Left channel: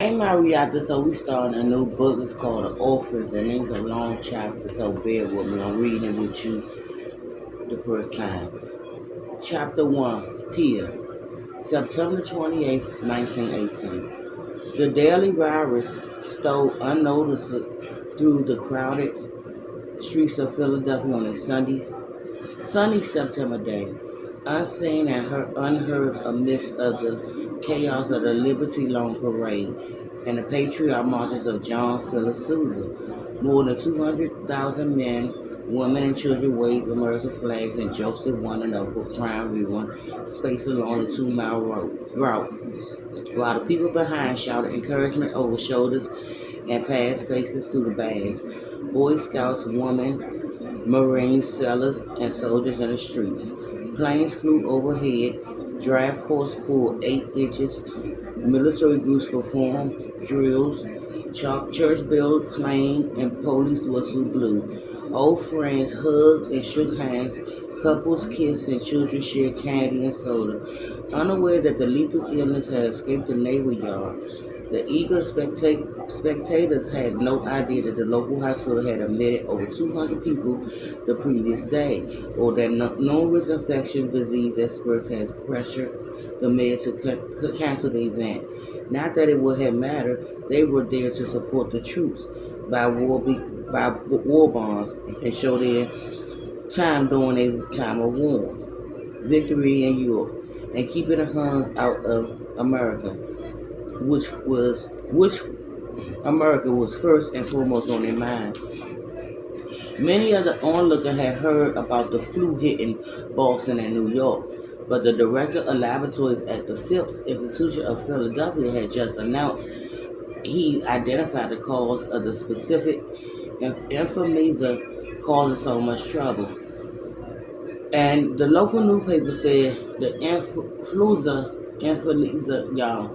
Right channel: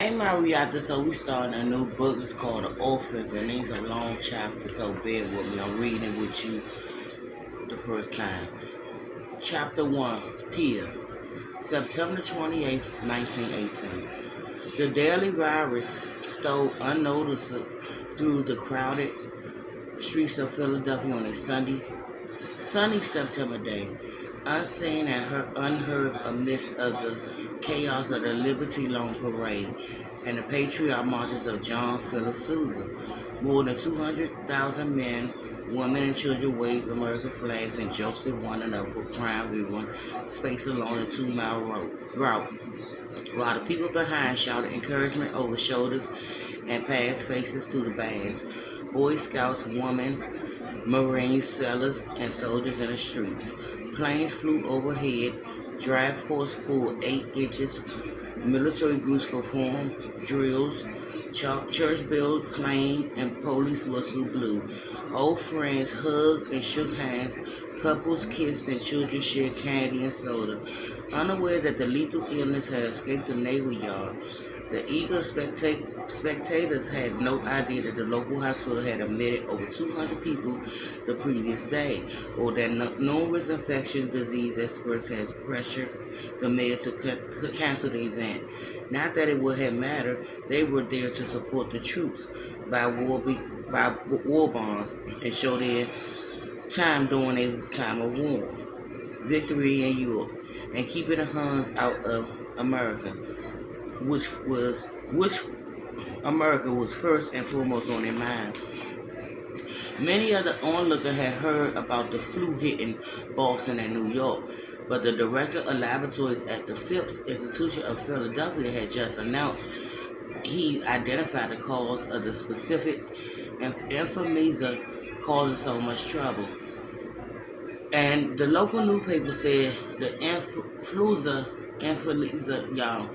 Hey Marietta, so we starting a new book. It's called The Orphans, and these are long chapters, so bear with me. I'm reading it with you the first time. Chapter 1, Pia, September 28, 1918. The daily virus stole unnoticed through the crowded streets of Philadelphia on a sunny September day, unseen and unheard amidst of the chaos of the Liberty Loan Parade and the patriotic marches of John Philip Sousa. More than 200,000 men, women, and children waved American flags and jostled one another for prime viewing space along the 2 mile route, while the people behind shouted encouragement over shoulders and passed faces to the bands. Boy Scouts, women, Marines, sailors, and soldiers in the streets. Planes flew overhead, draft horse pulled 8 inches, military groups performed drills, church bells clanged, and police whistle blew. Old friends hugged and shook hands, couples kissed, and children shared candy and soda, unaware that the lethal illness had escaped the naval yard. The eager spectators had no idea that the local hospital had admitted over 200 people the previous day, or that numerous infectious disease experts had pressured the mayor to cancel the event. Not that it would have mattered; they were there to support the troops by war bonds and show their time during a time of war, victory in Europe, and keeping the Huns out of America, which America was first and foremost on their mind. Many of the onlookers had heard about the flu hitting Boston and New York, but the director of laboratories at the Phipps Institution of Philadelphia had just announced he identified the cause of the specific influenza causing so much trouble. And the local newspaper said the y'all,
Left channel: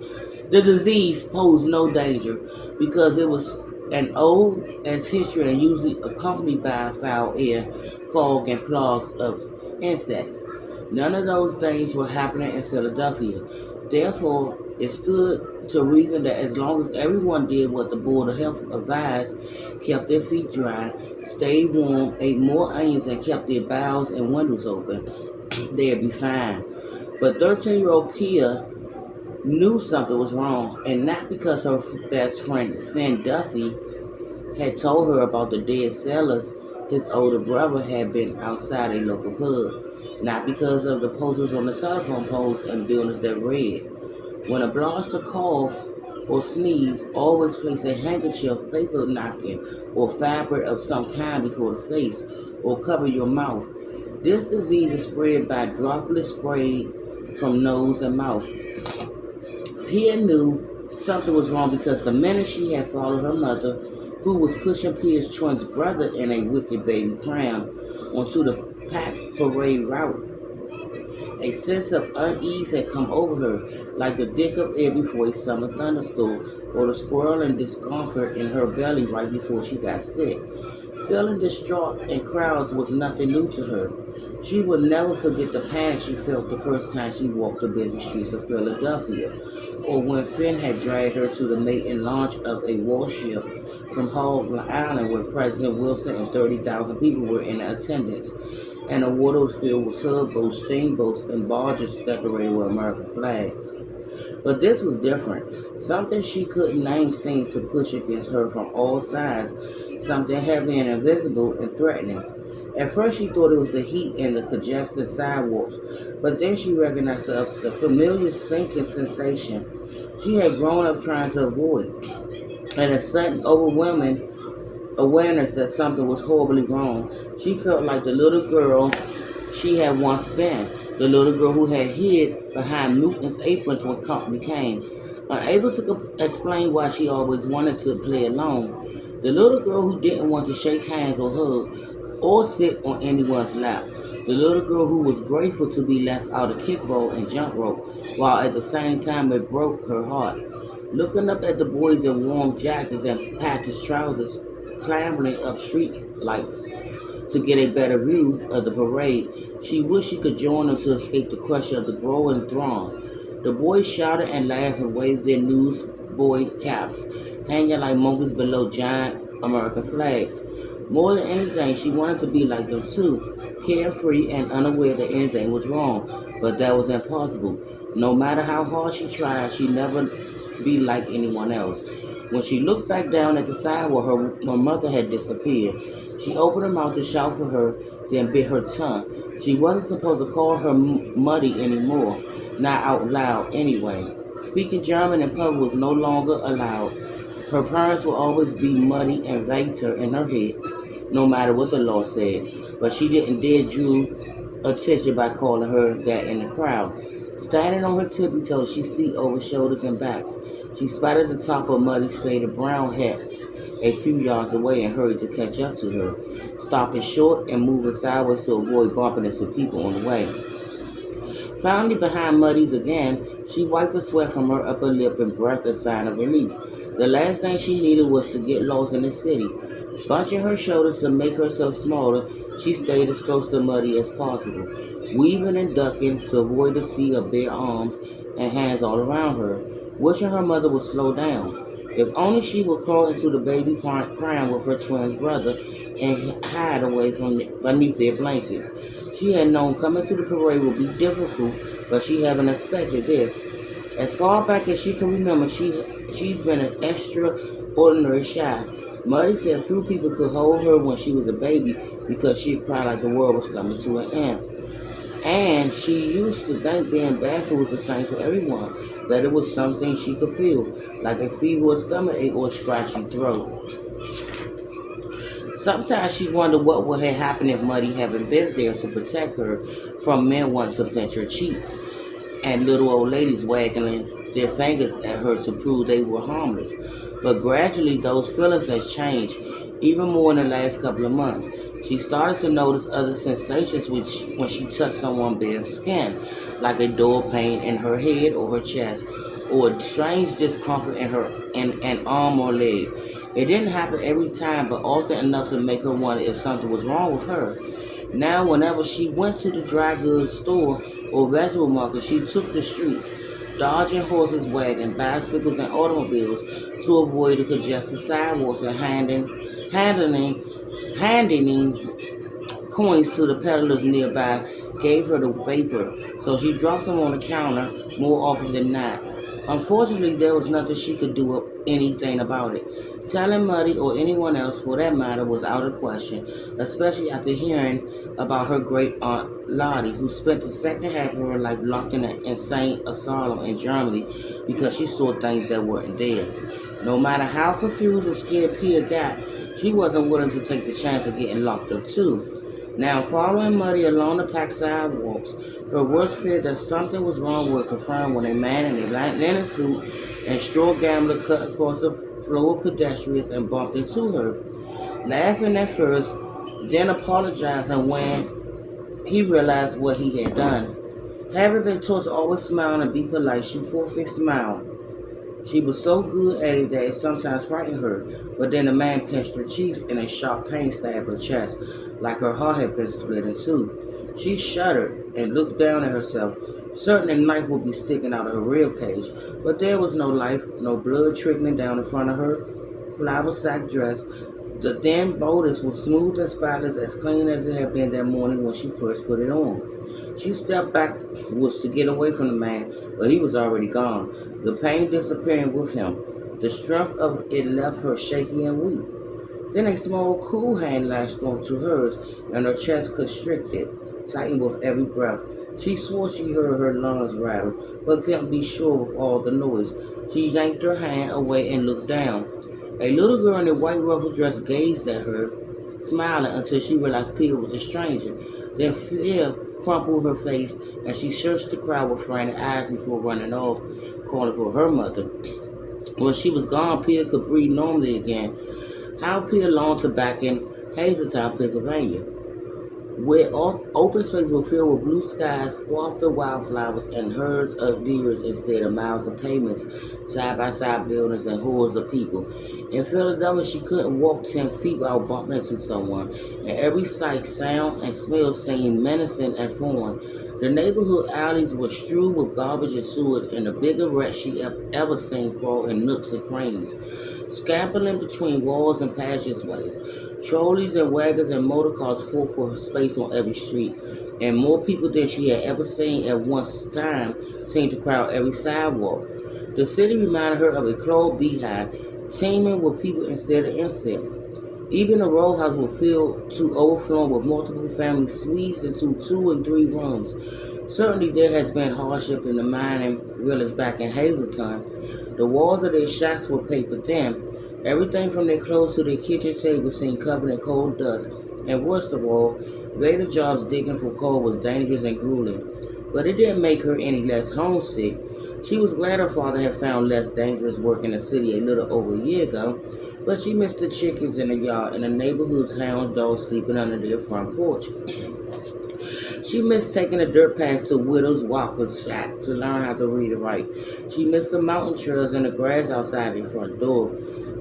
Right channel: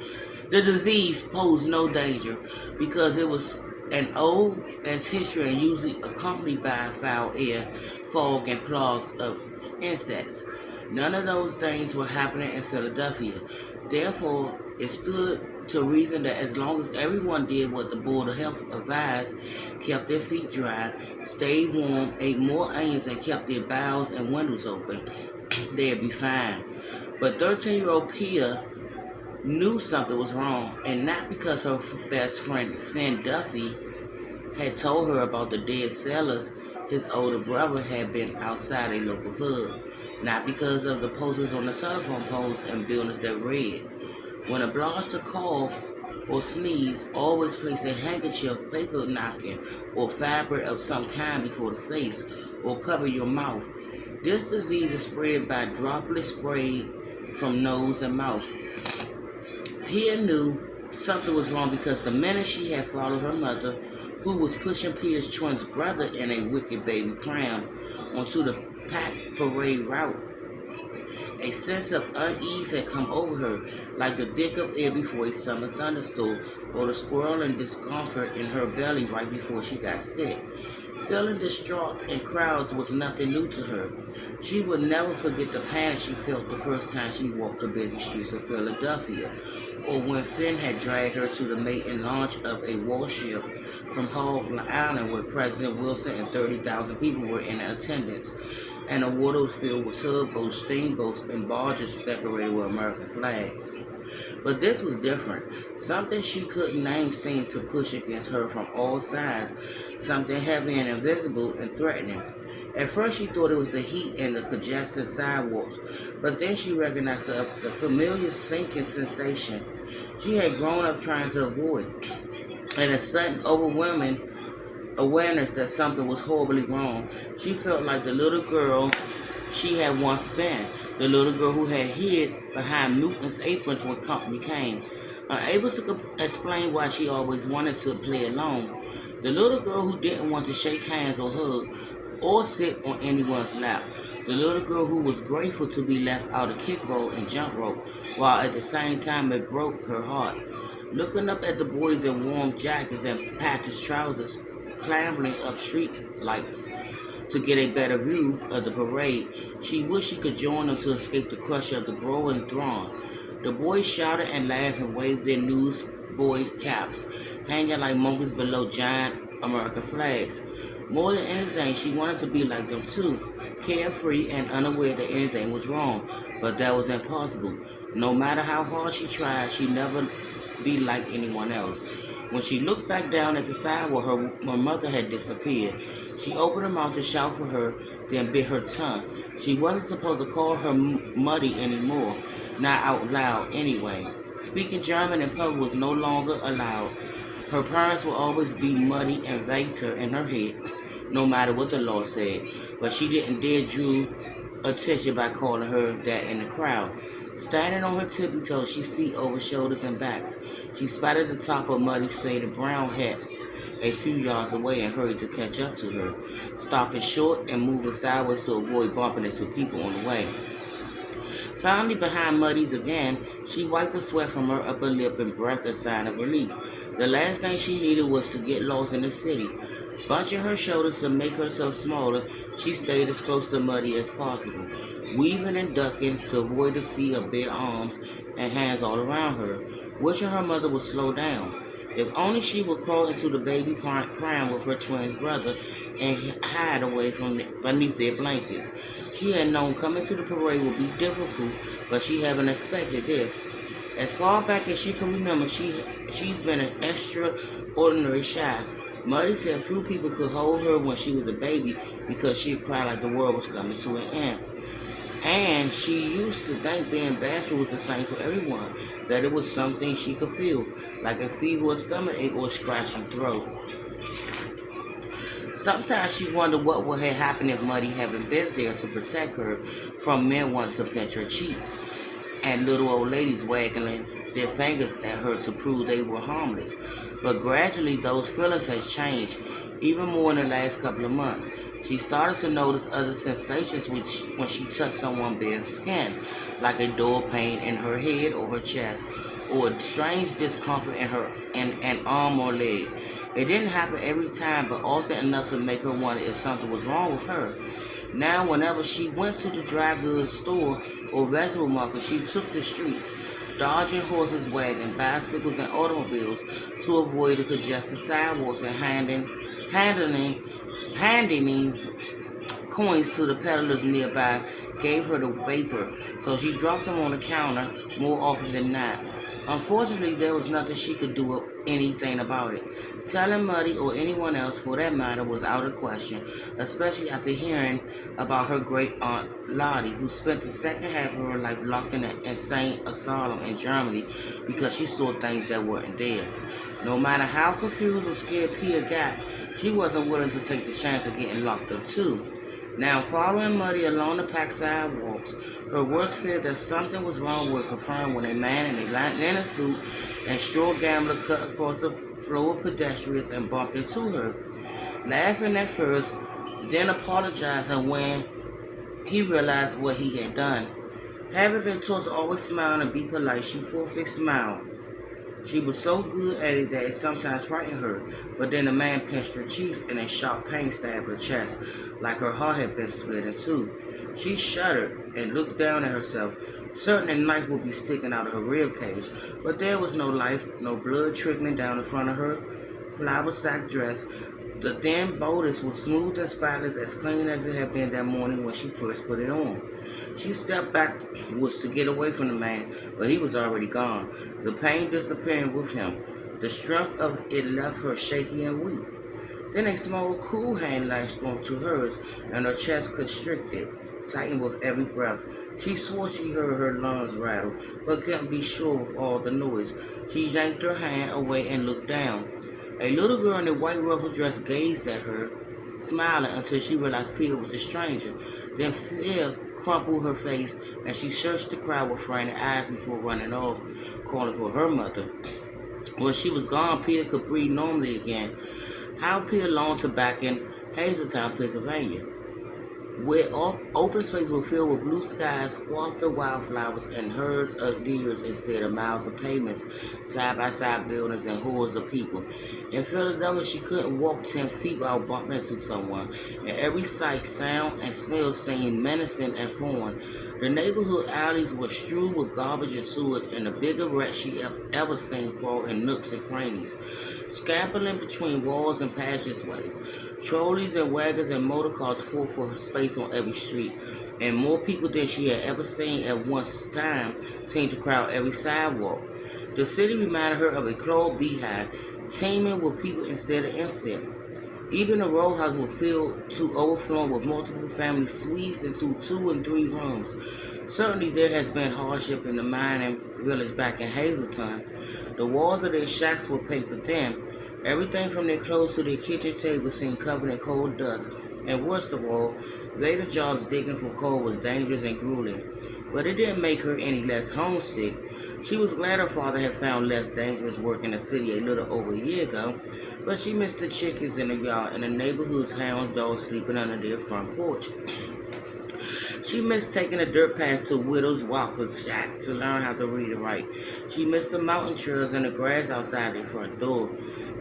the disease posed no danger because it was an old as history and usually accompanied by foul air, fog, and plagues of insects. None of those things were happening in Philadelphia. Therefore, it stood to reason that as long as everyone did what the Board of Health advised, kept their feet dry, stayed warm, ate more onions, and kept their bowels and windows open, they'd be fine. But 13-year-old Pia knew something was wrong, and not because her best friend Finn Duffy had told her about the dead sailors his older brother had been outside a local pub, not because of the posters on the telephone poles and buildings that read, when a blaster cough or sneeze, always place a handkerchief, paper napkin, or fabric of some kind before the face, or cover your mouth. This disease is spread by droplets sprayed from nose and mouth. Pia knew something was wrong because the minute she had followed her mother, who was pushing Pia's twin brother in a wicked baby pram, onto the packed parade route, a sense of unease had come over her, like the dick of air before a summer thunderstorm, or the swirling discomfort in her belly right before she got sick. Feeling distraught in crowds was nothing new to her. She would never forget the panic she felt the first time she walked the busy streets of Philadelphia, or when Finn had dragged her to the maiden launch of a warship from Hog Island where President Wilson and 30,000 people were in attendance, and the water was filled with tugboats, steamboats, and barges decorated with American flags. But this was different. Something she couldn't name seemed to push against her from all sides, something heavy and invisible and threatening. At first she thought it was the heat and the congested sidewalks, but then she recognized the familiar sinking sensation she had grown up trying to avoid, and a sudden overwhelming awareness that something was horribly wrong. She felt like the little girl she had once been, the little girl who had hid behind mutants' aprons when company came, unable to explain why she always wanted to play alone, the little girl who didn't want to shake hands or hug or sit on anyone's lap, the little girl who was grateful to be left out of kickball and jump rope, while at the same time it broke her heart. Looking up at the boys in warm jackets and patched trousers clambering up street lights to get a better view of the parade, she wished she could join them to escape the crush of the growing throng. The boys shouted and laughed and waved their news boy caps, hanging like monkeys below giant American flags. More than anything, she wanted to be like them too, carefree and unaware that anything was wrong, but that was impossible. No matter how hard she tried, she'd never be like anyone else. When she looked back down at the sidewalk, her mother had disappeared. She opened her mouth to shout for her, then bit her tongue. She wasn't supposed to call her muddy anymore, not out loud anyway. Speaking German in public was no longer allowed. Her parents would always be muddy and vague her in her head, no matter what the law said. But she didn't dare drew attention by calling her that in the crowd. Standing on her tippy toes, she see over shoulders and backs. She spotted the top of Muddy's faded brown hat a few yards away and hurried to catch up to her, stopping short and moving sideways to avoid bumping into people on the way. Finally behind Muddy's again, she wiped the sweat from her upper lip and breathed a sign of relief. The last thing she needed was to get lost in the city. Bunching her shoulders to make herself smaller, she stayed as close to Muddy as possible, weaving and ducking to avoid the sea of bare arms and hands all around her, wishing her mother would slow down. If only she would crawl into the baby crying with her twin brother and hide away from beneath their blankets. She had known coming to the parade would be difficult, but she hadn't expected this. As far back as she can remember, she's been an extraordinary shy. Muddy said few people could hold her when she was a baby because she cried like the world was coming to an end. And she used to think being bashful was the same for everyone, that it was something she could feel, like a fever or stomach ache or a scratchy throat. Sometimes she wondered what would have happened if Muddy hadn't been there to protect her from men wanting to pinch her cheeks and little old ladies waggling their fingers at her to prove they were harmless. But gradually those feelings had changed, even more in the last couple of months. She started to notice other sensations when she touched someone's bare skin, like a dull pain in her head or her chest, or a strange discomfort in an arm or leg. It didn't happen every time, but often enough to make her wonder if something was wrong with her. Now, whenever she went to the dry goods store or vegetable market, she took the streets, dodging horses, wagons, bicycles, and automobiles to avoid the congested sidewalks and handing coins to the peddlers nearby gave her the vapor, so she dropped them on the counter more often than not. Unfortunately, there was nothing she could do anything about it. Telling Muddy or anyone else for that matter was out of question, especially after hearing about her great aunt Lottie, who spent the second half of her life locked in an insane asylum in Germany because she saw things that weren't there. No matter how confused or scared Pia got, she wasn't willing to take the chance of getting locked up too. Now, following Muddy along the packed sidewalks, her worst fear that something was wrong was confirmed when a man in a linen suit and straw gambler cut across the floor of pedestrians and bumped into her. Laughing at first, then apologizing when he realized what he had done. Having been taught to always smile and be polite, she forced a smile. She was so good at it that it sometimes frightened her, but then the man pinched her cheeks and a sharp pain stabbed her chest, like her heart had been split in two. She shuddered and looked down at herself, certain a knife would be sticking out of her rib cage, but there was no life, no blood trickling down the front of her flower sack dress. The thin bodice was smooth and spotless, as clean as it had been that morning when she first put it on. She stepped backwards to get away from the man, but he was already gone, the pain disappearing with him. The strength of it left her shaky and weak. Then a small, cool hand lashed onto hers, and her chest constricted, tightened with every breath. She swore she heard her lungs rattle, but couldn't be sure with all the noise. She yanked her hand away and looked down. A little girl in a white ruffled dress gazed at her, smiling until she realized Peter was a stranger. Then fear crumpled her face, and she searched the crowd with frantic eyes before running off, calling for her mother. When she was gone, Peter could breathe normally again. How Peter longed to back in Hazeltown, Pennsylvania, where open spaces were filled with blue skies, squathed wildflowers, and herds of deer instead of miles of pavements, side-by-side buildings, and hordes of people. In Philadelphia, she couldn't walk 10 feet without bumping into someone, and every sight, sound, and smell seemed menacing and foreign. The neighborhood alleys were strewn with garbage and sewage, and the biggest rats she ever seen crawl in nooks and crannies, scampering between walls and passageways. Trolleys and wagons and motor cars fought for space on every street, and more people than she had ever seen at one time seemed to crowd every sidewalk. The city reminded her of a closed beehive, teeming with people instead of insects. Even the row house was filled to overflowing with multiple families squeezed into 2 and 3 rooms. Certainly there has been hardship in the mining village back in Hazleton. The walls of their shacks were paper thin. Everything from their clothes to their kitchen table seemed covered in coal dust. And worst of all, later jobs digging for coal was dangerous and grueling. But it didn't make her any less homesick. She was glad her father had found less dangerous work in the city a little over a year ago, but she missed the chickens in the yard and the neighborhood's hound dogs sleeping under their front porch. She missed taking the dirt path to Widow's Walker's shack to learn how to read and write. She missed the mountain trails and the grass outside their front door.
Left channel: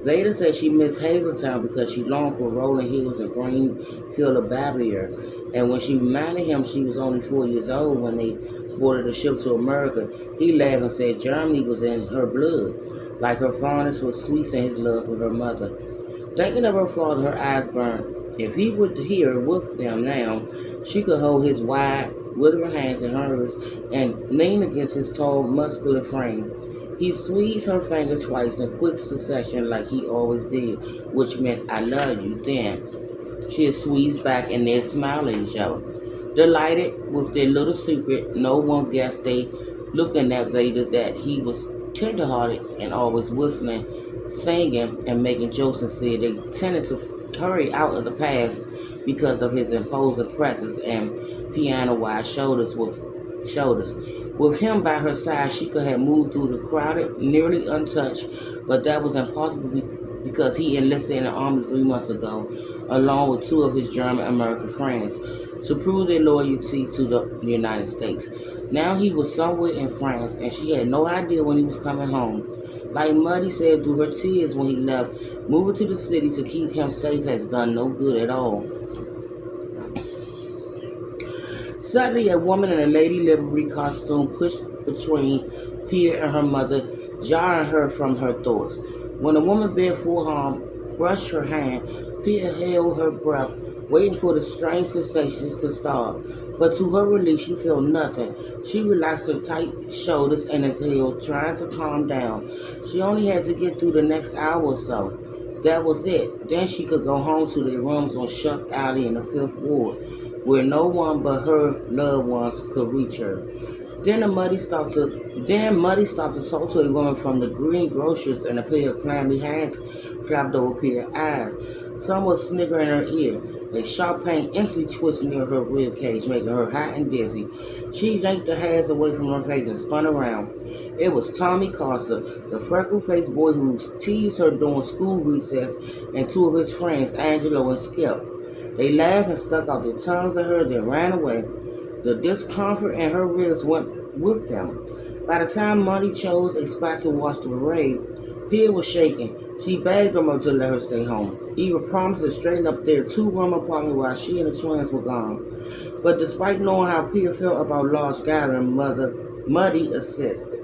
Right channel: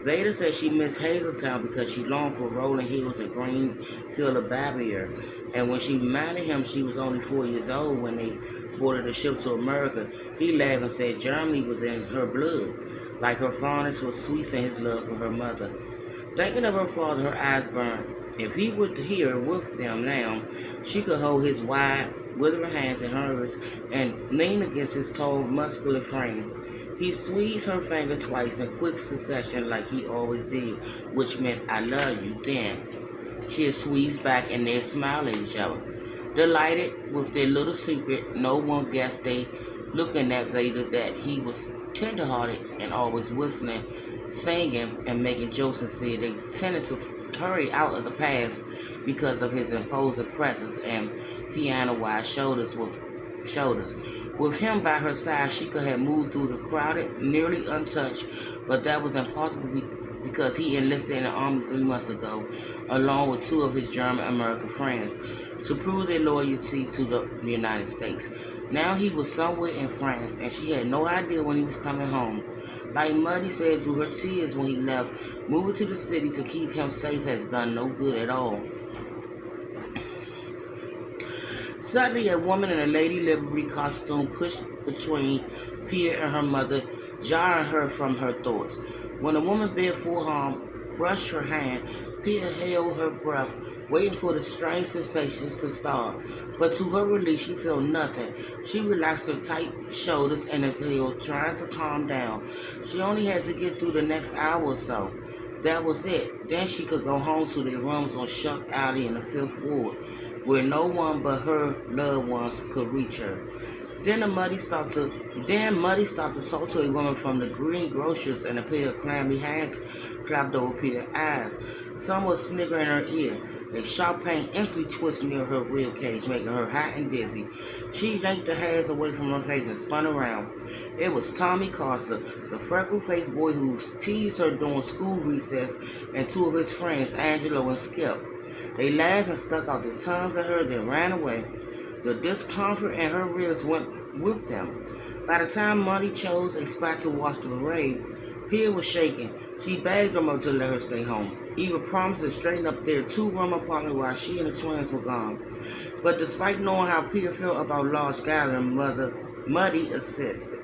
Vader said she missed Hazeltown because she longed for rolling hills and green field of Bavier. And when she reminded him she was only 4 years old when they boarded the ship to America, he laughed and said Germany was in her blood, like her fondness for sweets and his love for her mother. Thinking of her father, her eyes burned. If he were here with them now, she could hold his wide, withering hands in hers and lean against his tall, muscular frame. He squeezed her finger twice in quick succession like he always did, which meant I love you then. She had squeezed back and they smiled at each other. Delighted with their little secret, no one guessed they looking at Vader that he was tender-hearted and always whistling, singing, and making jokes and said they tended to hurry out of the path because of his imposing presence and piano-wide shoulders. With him by her side, she could have moved through the crowded, nearly untouched, but that was impossible because he enlisted in the army 3 months ago, along with 2 of his German-American friends, to prove their loyalty to the United States. Now he was somewhere in France, and she had no idea when he was coming home. Like Muddy said through her tears when he left, moving to the city to keep him safe has done no good at all. Suddenly, a woman in a Lady Livery costume pushed between Pia and her mother, jarring her from her thoughts. When the woman bent full harm, brushed her hand, Pia held her breath, waiting for the strange sensations to start. But to her relief, she felt nothing. She relaxed her tight shoulders and exhaled, trying to calm down. She only had to get through the next hour or so. That was it. Then she could go home to their rooms on Shuck Alley in the 5th Ward, where no one but her loved ones could reach her. Then Muddy stopped to talk to a woman from the greengrocers, and a pair of clammy hands clapped over Pia's eyes. Some was sniggering in her ear. A sharp pain instantly twisted near her rib cage, making her hot and dizzy. She yanked her hands away from her face and spun around. It was Tommy Costa, the freckle-faced boy who teased her during school recess, and 2 of his friends, Angelo and Skip. They laughed and stuck out their tongues at her, then ran away. The discomfort in her ribs went with them. By the time Monty chose a spot to watch the parade, Pia was shaking. She begged her mother to let her stay home. Eva promised to straighten up their 2-room apartment while she and the twins were gone. But despite knowing how Pia felt about large gathering, Muddy insisted.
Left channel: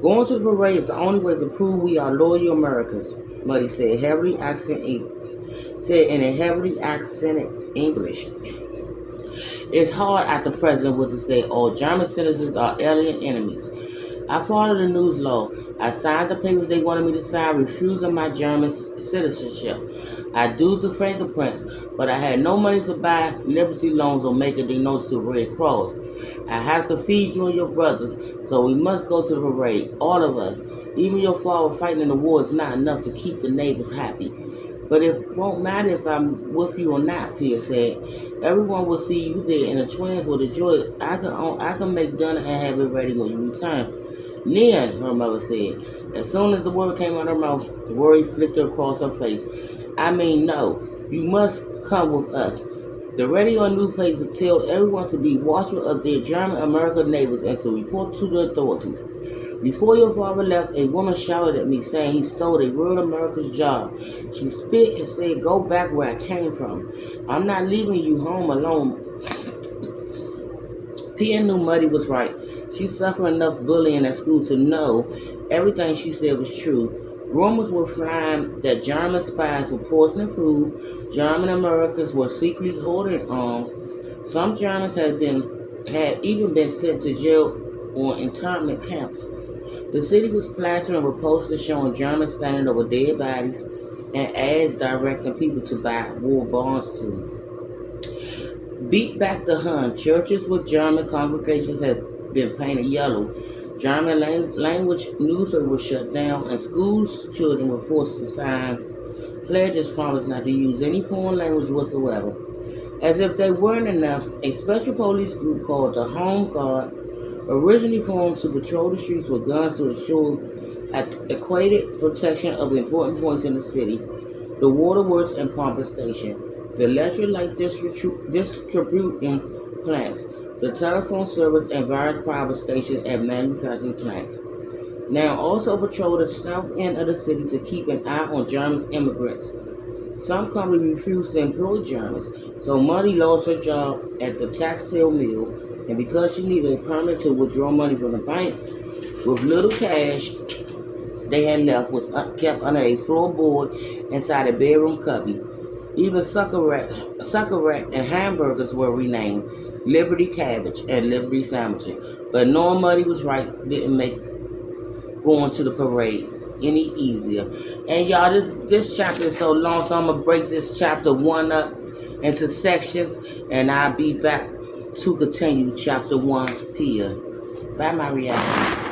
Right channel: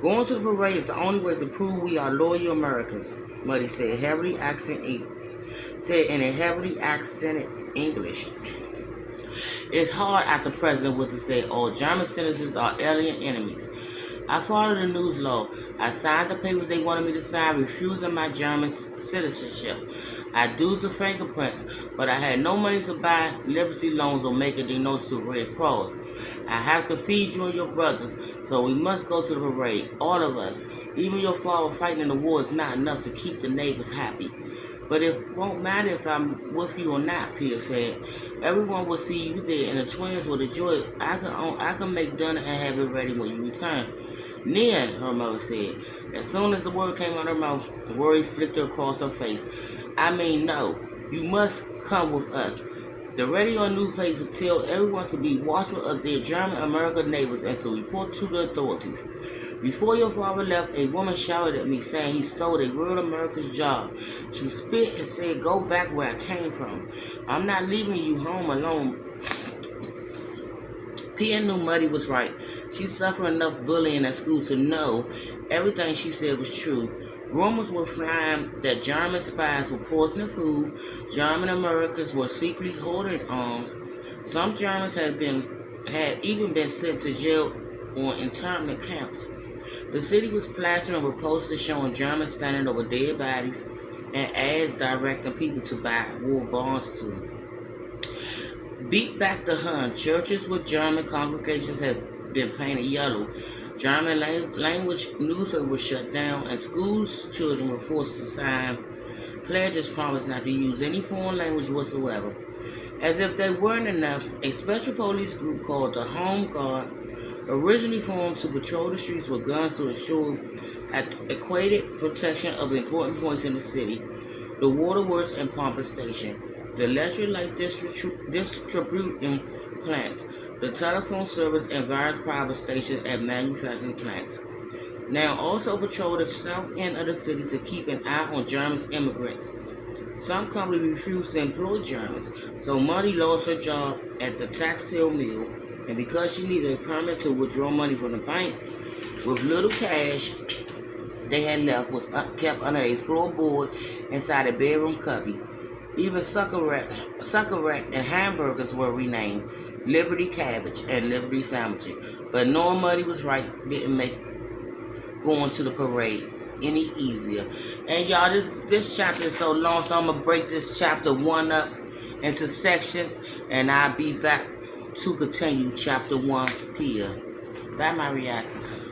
Going to the parade is the only way to prove we are loyal Americans, Muddy said, in a heavily accented English. It's hard after the president was to say all German citizens are alien enemies. I followed the news law. I signed the papers they wanted me to sign, refusing my German citizenship. I do the fingerprints, but I had no money to buy Liberty loans or make a donation to Red Cross. I have to feed you and your brothers, so we must go to the parade, all of us. Even your father fighting in the war is not enough to keep the neighbors happy. But it won't matter if I'm with you or not, Pia said. Everyone will see you there, and the twins will enjoy it. I can make dinner and have it ready when you return. Then, her mother said. As soon as the word came out of her mouth, the worry flickered across her face. I mean, no. You must come with us. The radio and newspapers tell everyone to be watchful of their German-American neighbors and to report to the authorities. Before your father left, a woman shouted at me saying he stole a real American's job. She spit and said, go back where I came from. I'm not leaving you home alone, Pia knew Muddy was right. She suffered enough bullying at school to know everything she said was true. Rumors were flying that German spies were poisoning food. German Americans were secretly holding arms. Some Germans had even been sent to jail or internment camps. The city was plastering with posters showing Germans standing over dead bodies and ads directing people to buy war bonds too. Beat back the Hun. Churches with German congregations had been painted yellow. German language newspapers were shut down, and schools children were forced to sign pledges promising not to use any foreign language whatsoever. As if they weren't enough, a special police group called the Home Guard originally formed to patrol the streets with guns to ensure equated protection of important points in the city: the waterworks and pumping station, the electric light distributing plants, the telephone service, and various power stations and manufacturing plants. Now also patrol the south end of the city to keep an eye on German immigrants. Some companies refused to employ Germans, so Muddy lost her job at the textile mill, and because she needed a permit to withdraw money from the bank, with little cash they had left was kept under a floorboard inside a bedroom cubby. Even sucker rack and hamburgers were renamed Liberty Cabbage and Liberty Sandwiches. But knowing Muddy was right didn't make going to the parade any easier. And y'all, this chapter is so long, so I'm gonna break this chapter 1 up into sections, and I'll be back to continue chapter 1 here. Bye, Maria.